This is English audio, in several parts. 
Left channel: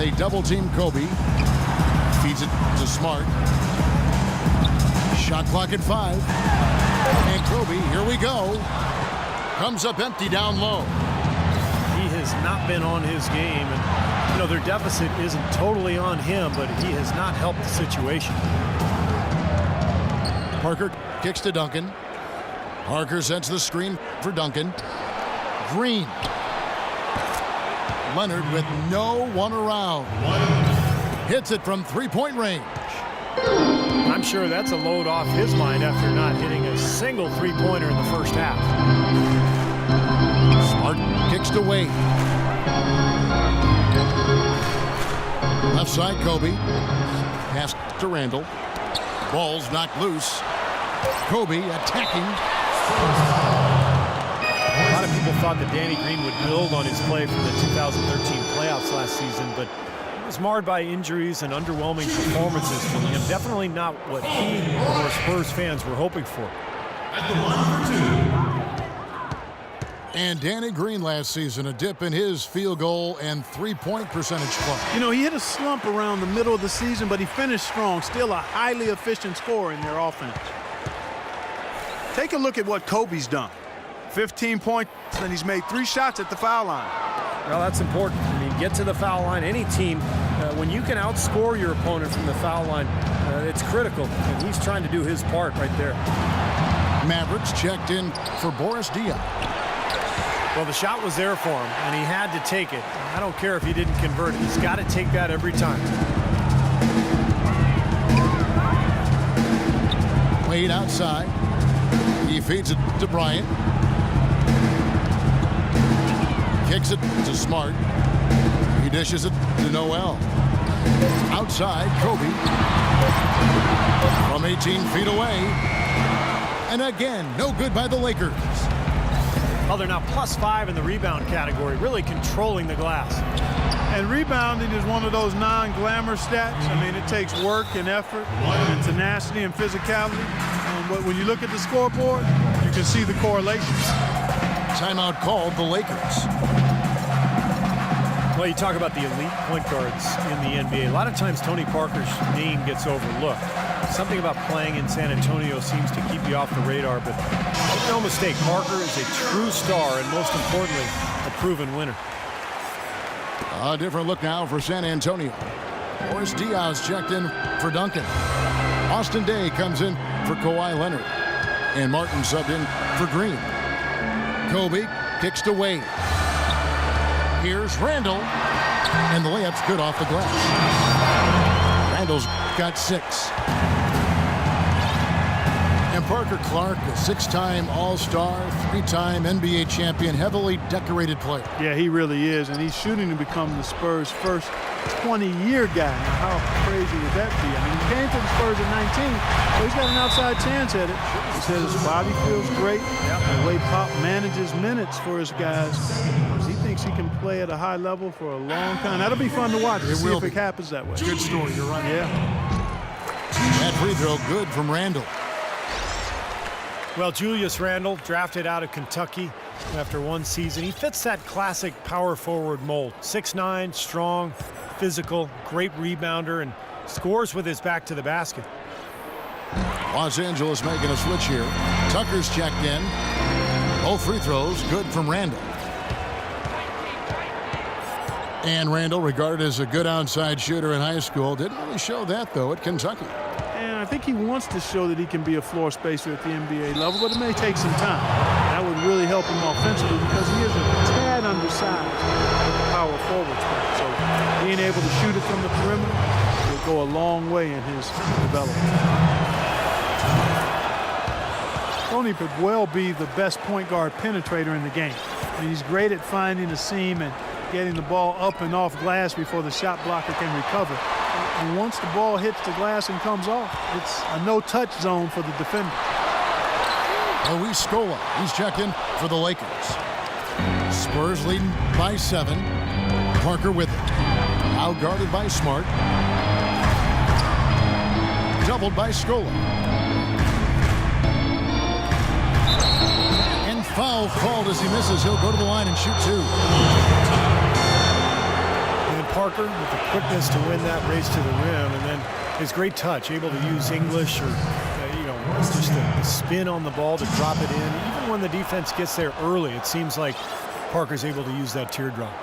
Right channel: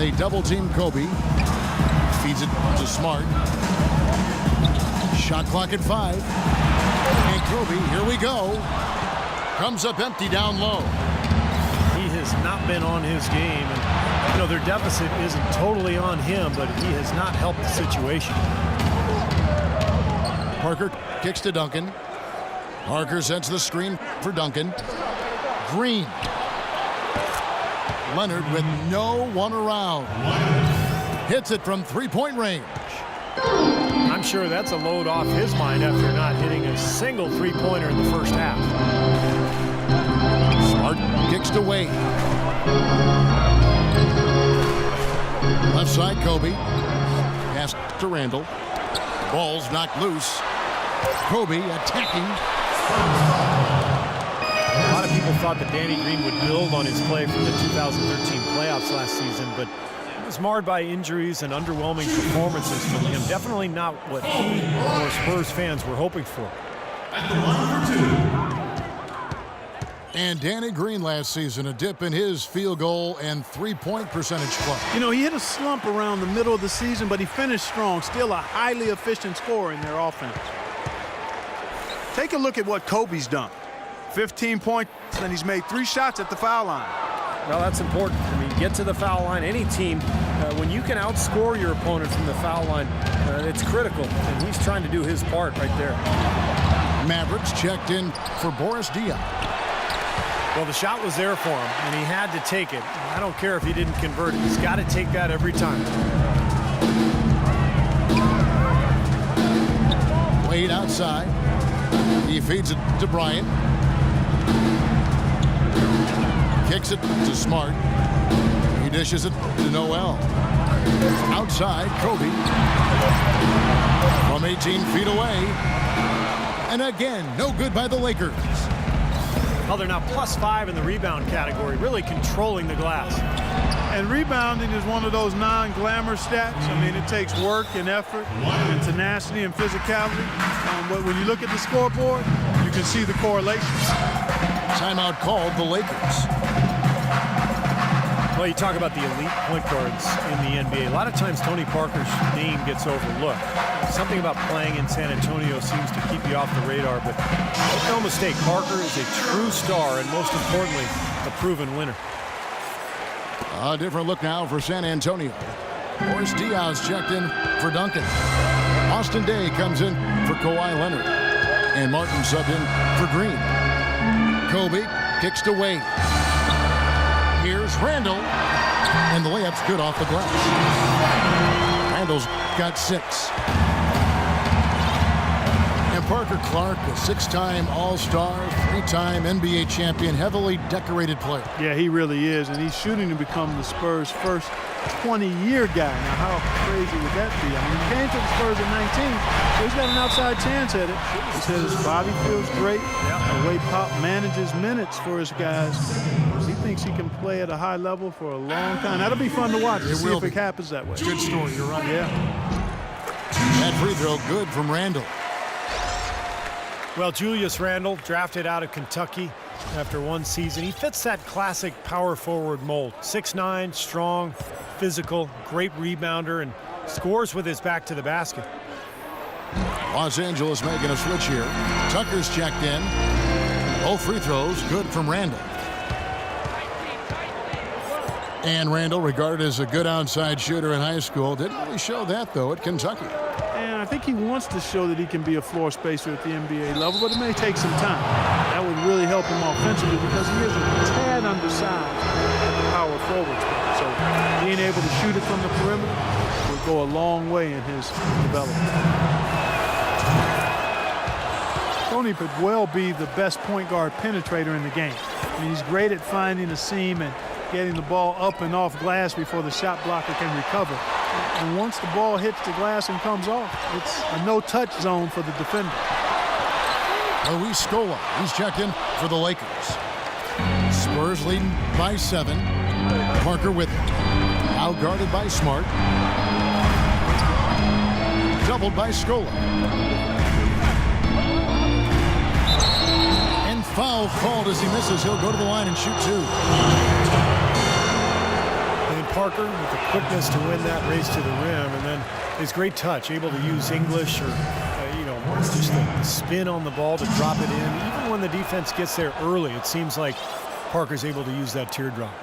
They double team Kobe. Feeds it to Smart. Shot clock at 5. And Kobe, here we go. Comes up empty down low. He has not been on his game, and their deficit isn't totally on him, but he has not helped the situation. Parker kicks to Duncan. Parker sends the screen for Duncan. Green. Leonard with no one around. Hits it from three-point range. I'm sure that's a load off his mind after not hitting a single three-pointer in the first half. Smart kicks to Wade. Left side, Kobe. Pass to Randall. Ball's knocked loose. Kobe attacking. A lot of people thought that Danny Green would build on his play from the 2013 playoffs last season, but it was marred by injuries and underwhelming performances from him. Definitely not what he or Spurs fans were hoping for. And Danny Green last season, a dip in his field goal and three-point percentage club. He hit a slump around the middle of the season, but he finished strong. Still a highly efficient scorer in their offense. Take a look at what Kobe's done. 15 points, and he's made 3 shots at the foul line. Well, that's important. Get to the foul line. Any team, when you can outscore your opponent from the foul line, it's critical, and he's trying to do his part right there. Mavericks checked in for Boris Diaw. Well, the shot was there for him, and he had to take it. I don't care if he didn't convert it. He's got to take that every time. Wade outside. He feeds it to Bryant. Kicks it to Smart. He dishes it to Noel. Outside, Kobe. From 18 feet away. And again, no good by the Lakers. Well, they're now +5 in the rebound category, really controlling the glass. And rebounding is one of those non-glamour stats. It takes work and effort and tenacity and physicality. But when you look at the scoreboard, you can see the correlation. Timeout called the Lakers. Well, you talk about the elite point guards in the NBA. A lot of times Tony Parker's name gets overlooked. Something about playing in San Antonio seems to keep you off the radar, but make no mistake, Parker is a true star and, most importantly, a proven winner. A different look now for San Antonio. Boris Diaw's checked in for Duncan. Austin Day comes in for Kawhi Leonard. And Martin subbed in for Green. Kobe kicks to Wade. Here's Randall. And the layup's good off the glass. Randall's got 6. And Parker Clark, a 6-time All-Star, 3-time NBA champion, heavily decorated player. Yeah, he really is, and he's shooting to become the Spurs' first 20-year guy. Now, how crazy would that be? He came to the Spurs at 19, so he's got an outside chance at it. He says his body feels great. The way Pop manages minutes for his guys, he thinks he can play at a high level for a long time. That'll be fun to watch to see if it happens that way. It's a good story, you're right. Yeah. That free throw good from Randall. Well, Julius Randle, drafted out of Kentucky after one season. He fits that classic power forward mold. 6'9", strong, physical, great rebounder, and scores with his back to the basket. Los Angeles making a switch here. Tucker's checked in. Both free throws good from Randall. And Randall, regarded as a good outside shooter in high school, didn't really show that, though, at Kentucky. And I think he wants to show that he can be a floor spacer at the NBA level, but it may take some time. That would really help him offensively because he is a tad undersized at the power forward spot. So being able to shoot it from the perimeter will go a long way in his development. Tony could well be the best point guard penetrator in the game. He's great at finding a seam and getting the ball up and off glass before the shot blocker can recover. And once the ball hits the glass and comes off, it's a no-touch zone for the defender. Luis Scola, he's checked in for the Lakers. Spurs leading by 7. Parker with it. Now guarded by Smart. Doubled by Scola. And foul called as he misses. He'll go to the line and shoot 2. then Parker with the quickness to win that race to the rim, and then his great touch, able to use English or just the spin on the ball to drop it in. Even when the defense gets there early, it seems like Parker's able to use that teardrop.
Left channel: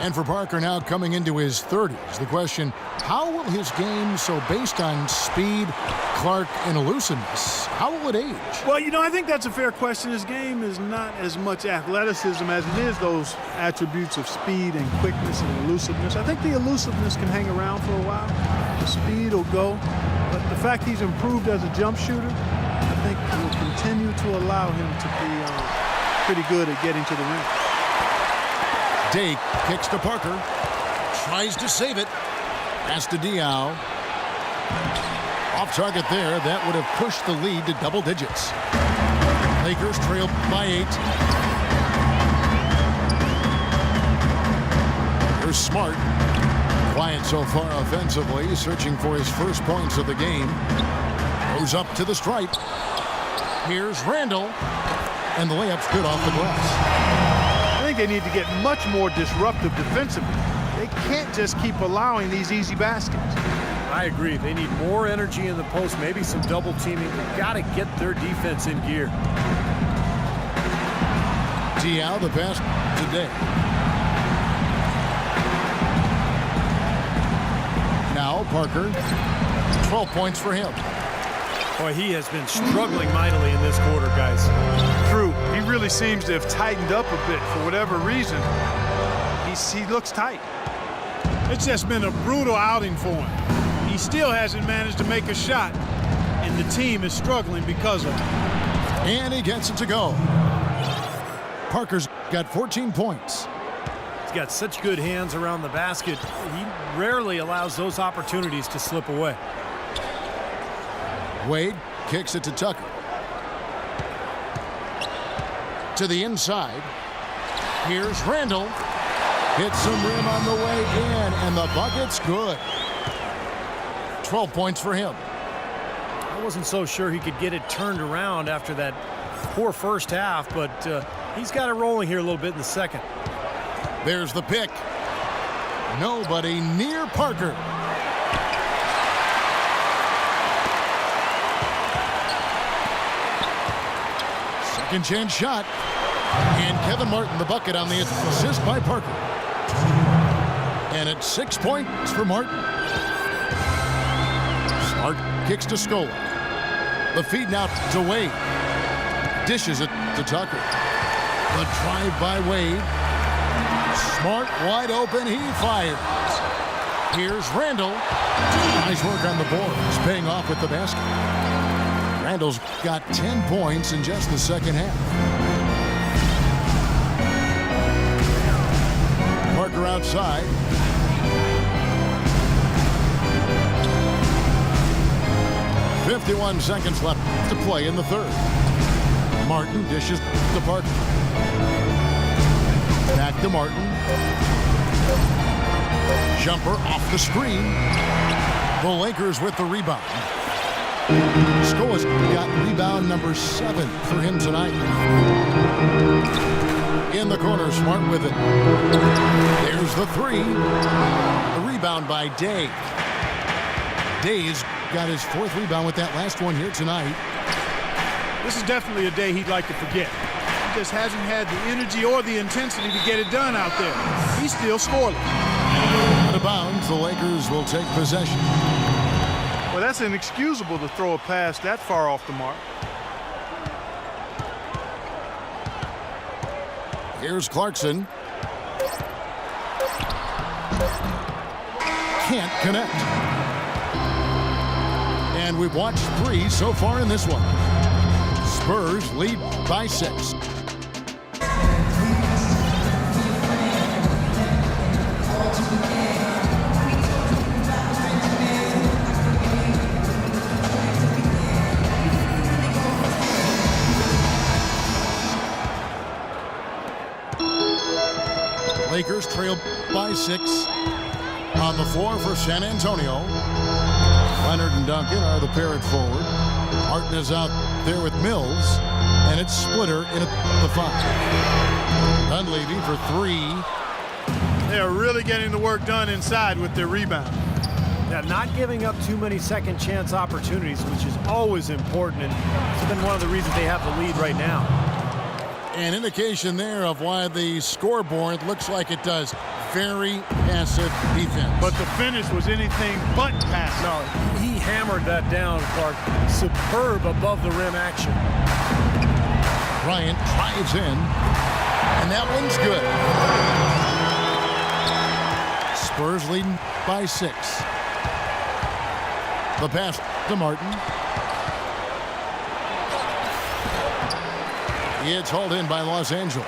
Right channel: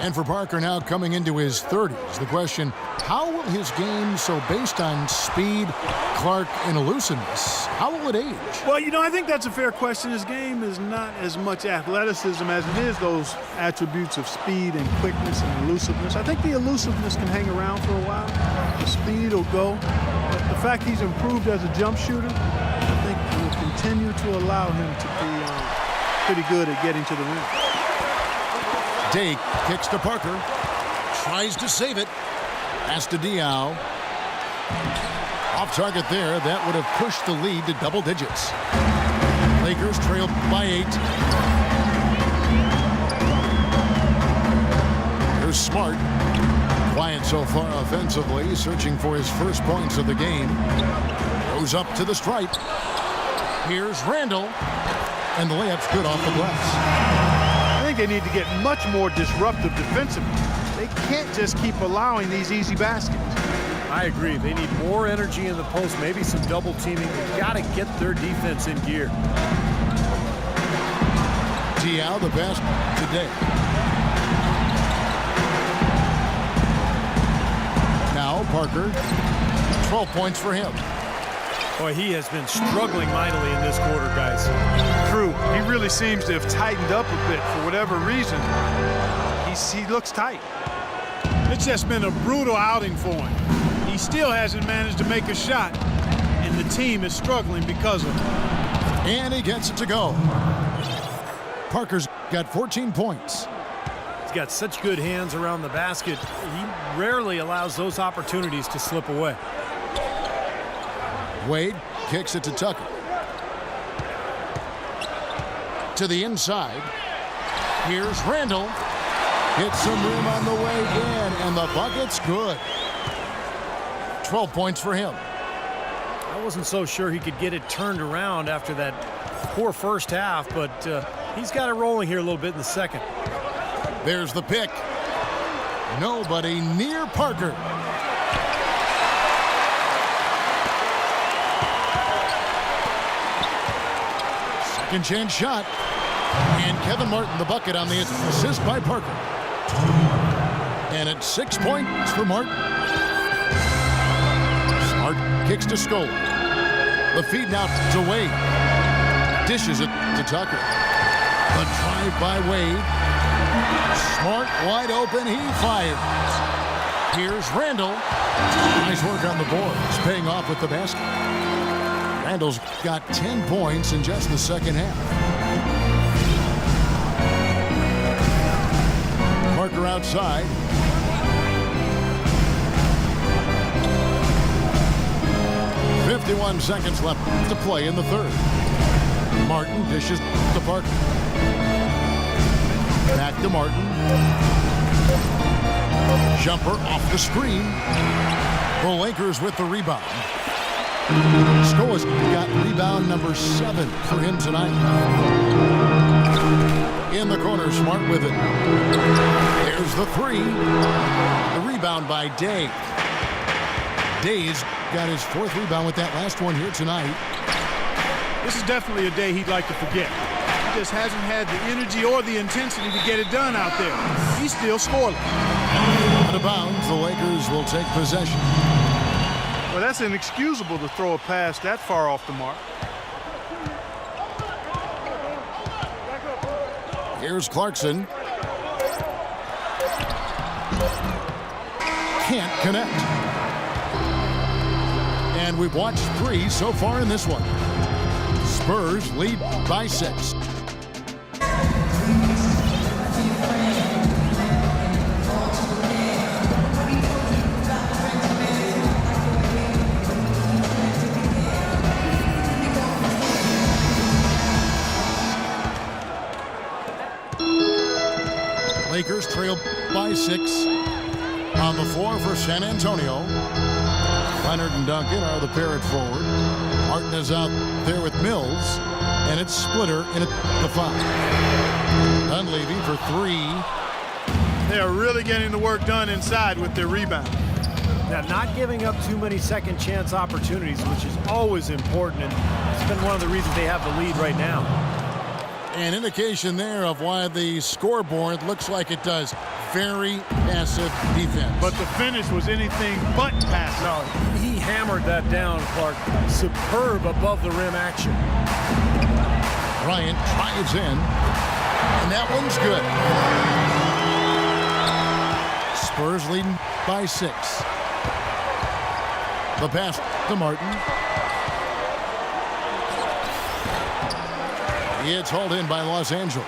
And for Parker now coming into his 30s, the question, how will his game, so based on speed, Clark, and elusiveness, how will it age? Well, I think that's a fair question. His game is not as much athleticism as it is those attributes of speed and quickness and elusiveness. I think the elusiveness can hang around for a while. The speed will go. But the fact he's improved as a jump shooter, I think will continue to allow him to be pretty good at getting to the rim. Day kicks to Parker. Tries to save it. Pass to Diaw. Off target there. That would have pushed the lead to double digits. Lakers trail by 8. Here's Smart. Quiet so far offensively. Searching for his first points of the game. Goes up to the stripe. Here's Randall. And the layup's good off the glass. I think they need to get much more disruptive defensively. They can't just keep allowing these easy baskets. I agree. They need more energy in the post, maybe some double teaming. They've got to get their defense in gear. Diaw, the pass today. Now Parker, 12 points for him. Boy, he has been struggling mightily in this quarter, guys. True. He really seems to have tightened up a bit for whatever reason. He looks tight. It's just been a brutal outing for him. He still hasn't managed to make a shot, and the team is struggling because of it. And he gets it to go. Parker's got 14 points. He's got such good hands around the basket. He rarely allows those opportunities to slip away. Wade kicks it to Tucker. To the inside. Here's Randall. Hits some rim on the way in, and the bucket's good. 12 points for him. I wasn't so sure he could get it turned around after that poor first half, but he's got it rolling here a little bit in the second. There's the pick. Nobody near Parker. Second chance shot. And Kevin Martin the bucket on the assist by Parker. And it's 6 points for Martin. Smart kicks to Scola. The feed now to Wade. Dishes it to Tucker. The drive by Wade. Smart wide open. He fires. Here's Randall. Nice work on the boards. Paying off with the basket. Randall's got 10 points in just the second half. Parker outside. .51 seconds left to play in the third. Martin dishes to Parker. Back to Martin. Jumper off the screen. The Lakers with the rebound. Scola's got rebound number 7 for him tonight. In the corner, Smart with it. There's the 3. The rebound by Day. Day's got his 4th rebound with that last one here tonight. This is definitely a day he'd like to forget. He just hasn't had the energy or the intensity to get it done out there. He's still scoreless. Out of bounds, the Lakers will take possession. Well, that's inexcusable to throw a pass that far off the mark. Here's Clarkson. Can't connect. And we've watched 3 so far in this one. Spurs lead by 6. Lakers trail by 6. On the floor for San Antonio. Leonard and Duncan are the pair at forward. Martin is out there with Mills. And it's Splitter in at the 5. Dunleavy for 3. They are really getting the work done inside with their rebound. Now, not giving up too many second chance opportunities, which is always important, and it's been one of the reasons they have the lead right now. An indication there of why the scoreboard looks like it does. Very passive defense. But the finish was anything but passive. No, he hammered that down, Clark. Superb above the rim action. Bryant drives in, and that one's good. Spurs leading by 6. The pass to Martin. It's hauled in by Los Angeles.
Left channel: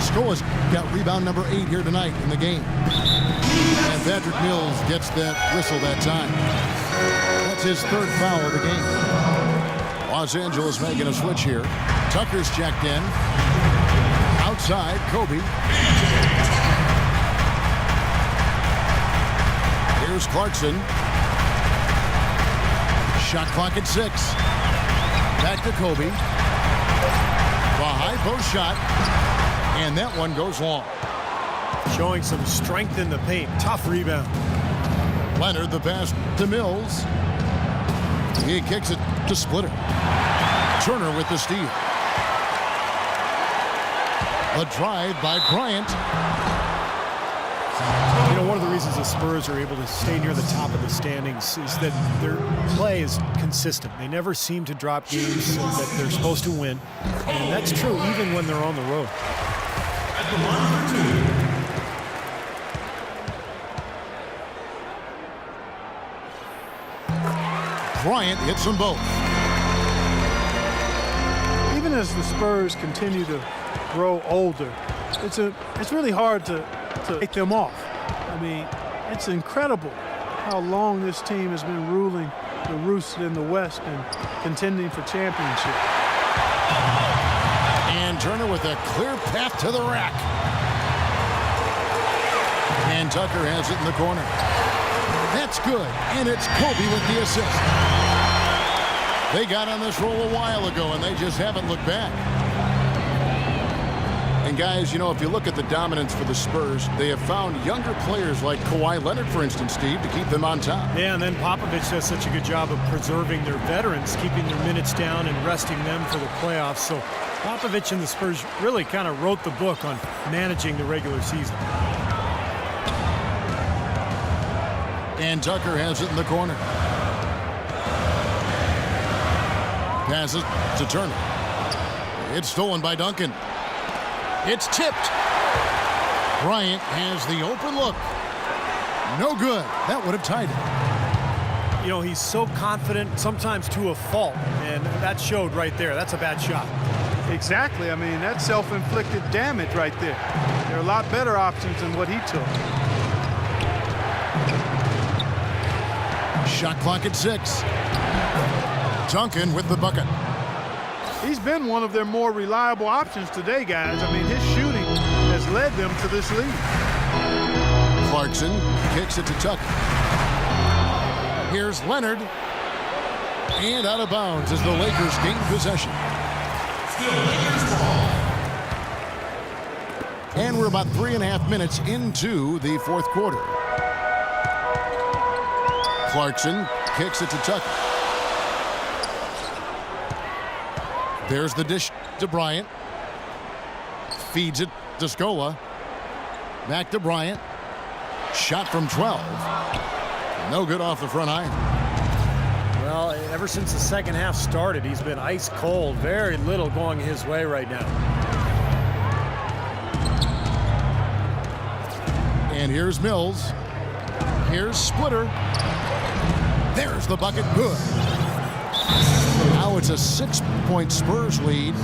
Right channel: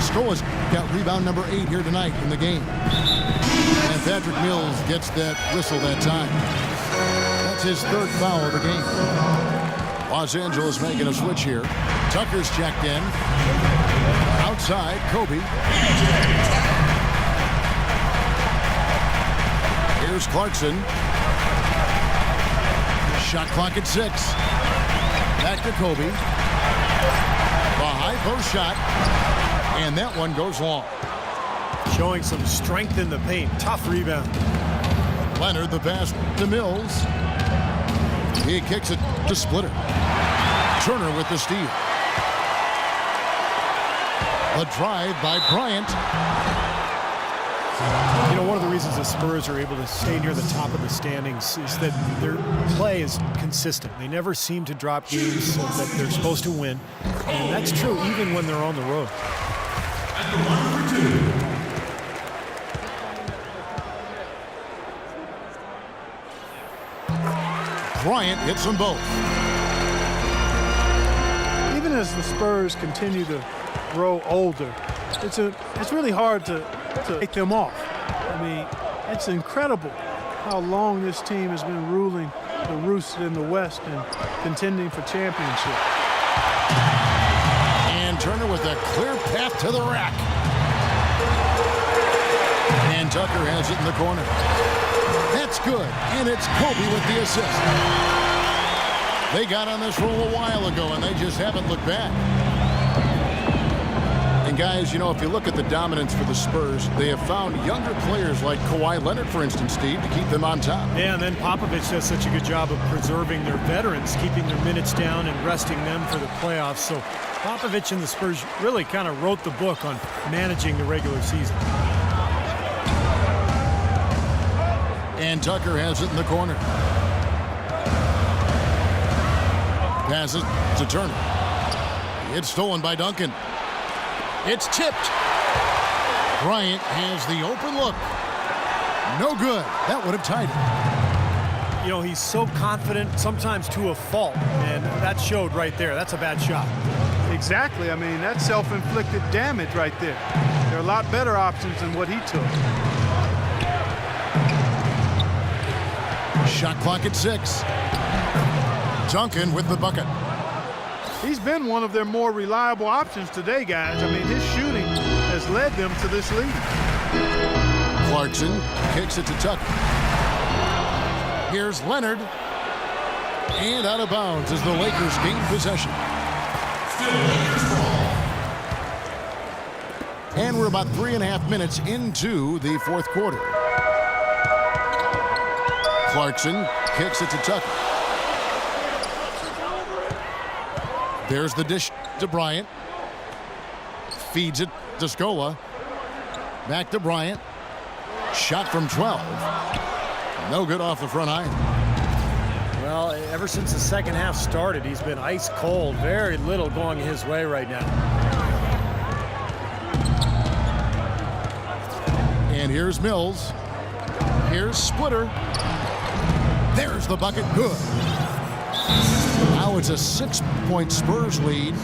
Scola's got rebound number 8 here tonight in the game. And Patrick Mills gets that whistle that time. That's his 3rd foul of the game. Los Angeles making a switch here. Tucker's checked in. Outside, Kobe. Here's Clarkson. Shot clock at 6. Back to Kobe. The high post shot. And that one goes long. Showing some strength in the paint. Tough rebound. Leonard, the pass to Mills. He kicks it to Splitter. Turner with the steal. The drive by Bryant. You know, one of the reasons the Spurs are able to stay near the top of the standings is that their play is consistent. They never seem to drop games that they're supposed to win. And that's true even when they're on the road. At the line for 2. Bryant hits them both. Even as the Spurs continue to grow older, it's really hard to take them off. I mean, it's incredible how long this team has been ruling the roost in the West and contending for championship. And Turner with a clear path to the rack. And Tucker has it in the corner. That's good. And it's Kobe with the assist. They got on this roll a while ago, and they just haven't looked back. And guys, you know, if you look at the dominance for the Spurs, they have found younger players like Kawhi Leonard, for instance, Steve, to keep them on top. Yeah, and then Popovich does such a good job of preserving their veterans, keeping their minutes down and resting them for the playoffs. So Popovich and the Spurs really kind of wrote the book on managing the regular season. And Tucker has it in the corner. Passes to Turner. It's stolen by Duncan. It's tipped. Bryant has the open look. No good. That would have tied it. You know, he's so confident, sometimes to a fault, and that showed right there. That's a bad shot. Exactly. I mean, that's self-inflicted damage right there. There are a lot better options than what he took. Shot clock at 6. Duncan with the bucket. He's been one of their more reliable options today, guys. I mean, his shooting has led them to this lead. Clarkson kicks it to Tucker. Here's Leonard. And out of bounds as the Lakers gain possession. And we're about 3.5 minutes into the 4th quarter. Clarkson kicks it to Tucker. There's the dish to Bryant. Feeds it to Scola. Back to Bryant. Shot from 12. No good off the front iron. Well, ever since the second half started, he's been ice cold. Very little going his way right now. And here's Mills. Here's Splitter. There's the bucket. Good. Now it's a 6-point Spurs lead.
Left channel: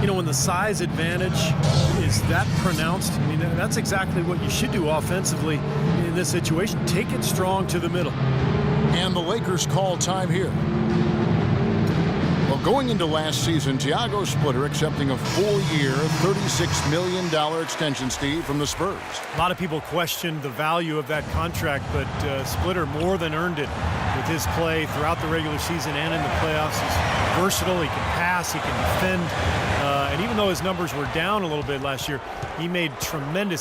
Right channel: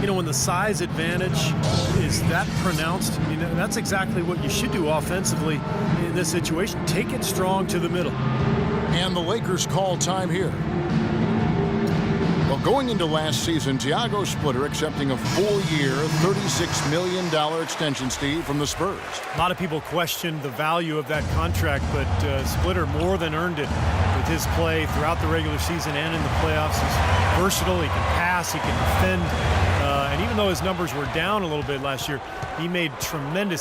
You know, when the size advantage is that pronounced, I mean, that's exactly what you should do offensively in this situation. Take it strong to the middle. And the Lakers call time here. Well, going into last season, Thiago Splitter accepting a 4-year, $36 million extension, Steve, from the Spurs. A lot of people questioned the value of that contract, but Splitter more than earned it with his play throughout the regular season and in the playoffs. He's versatile, he can pass, he can defend, and even though his numbers were down a little bit last year, he made tremendous